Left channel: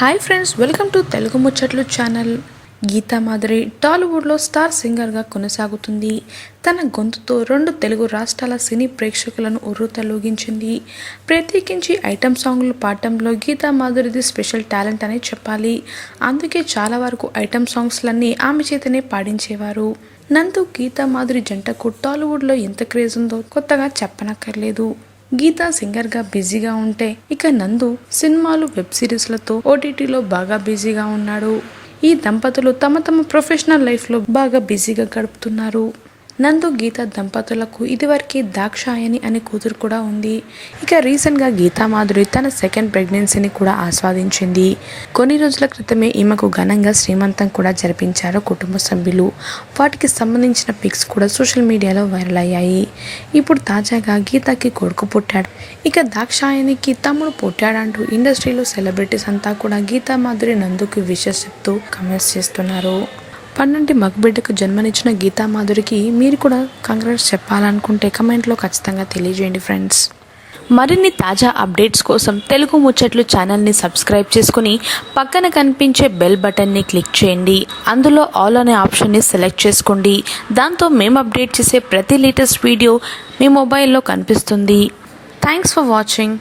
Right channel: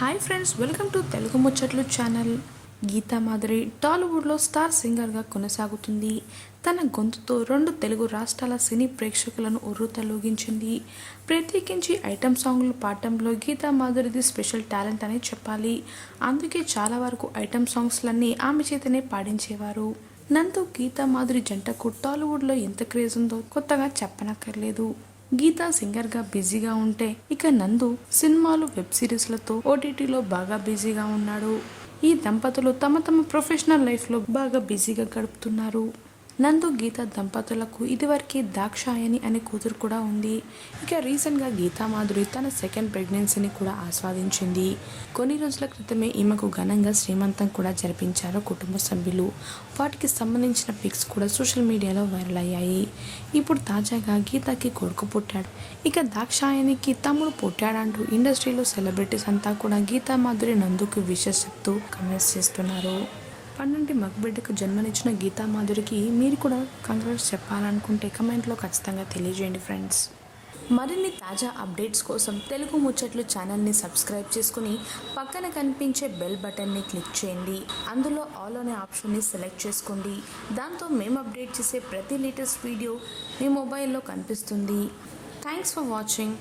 Hi friends welcome to Telugu Muchatlu channel Geetha Madhuri టాలీవుడ్లో star సింగర్గా కొనసాగుతుంది. తన గొంతుతో రెండు తెలుగు రాష్ట్రాల సినీ ప్రేక్షకులను ఉర్రూతలూగించింది ప్రత్యేకించి ఐటమ్ సాంగ్లు పాడటంలో గీతా మాధురిది స్పెషల్ టాలెంట్ అనే చెప్పాలి. అందుకే చాలా వరకు ఐటమ్ సాంగ్స్లన్నీ ఆమె చేతనే పాడించేవారు. నందు గీతా మాధురి జంటకు టాలీవుడ్లో ఎంత క్రేజ్ ఉందో కొత్తగా చెప్పనక్కర్లేదు. గీత సింగర్గా బిజీగా ఉంటే ఇక నందు సినిమాలు వెబ్ సిరీస్లతో ఓటీటీలో బాగా బిజీగా ఉన్నాడు. ఈ దంపతులు తమ తమ ప్రొఫెషనల్ లైఫ్లో బాగా బిజీగా గడుపుతున్నారు. నందు గీత దంపతులకు ఇదివరకే దాక్షాయని అనే కూతురు కూడా ఉంది. ఇక రీసెంట్గా గీతా మాధురి తన సెకండ్ ప్రెగ్నెన్సీని కూడా ఆస్వాదించింది. కొన్ని రోజుల క్రితమే ఈమెకు ఘనంగా శ్రీమంతం కూడా జరిపించారు కుటుంబ సభ్యులు. వాటికి సంబంధించిన పిక్స్ కూడా సోషల్ మీడియాలో వైరల్ అయ్యాయి. ఇప్పుడు తాజాగా గీతకి కొడుకు పుట్టాడు. ఇక దాక్షాయనికి తమ్ముడు పుట్టాడంటూ ఇండస్ట్రీలో సెలబ్రిటీస్ అంతా కూడా గీతా మాధురి నందుకు విషెస్ చెప్తూ కమెంట్స్ చేస్తున్నారు. పన్నంటి మగబిడ్డకు జన్మనిచ్చిన గీతా మాధురికి మీరు కూడా కంగ్రాట్స్ చెప్పాలనుకుంటే కమెంట్లో ఖచ్చితంగా తెలియజేయండి ఫ్రెండ్స్. మరిన్ని తాజా అప్డేట్స్ కోసం తెలుగు ముచ్చట్లు ఛానల్ని సబ్స్క్రైబ్ చేసుకుని పక్కన కనిపించే బెల్ బటన్ని క్లిక్ చేయండి. అందులో ఆల్ అనే ఆప్షన్ని సెలెక్ట్ చేసుకోండి. దాంతో మేము అప్డేట్ చేసే ప్రతి లేటెస్ట్ వీడియో మీ మొబైల్లో కనిపిస్తుంది. Thanks for watching.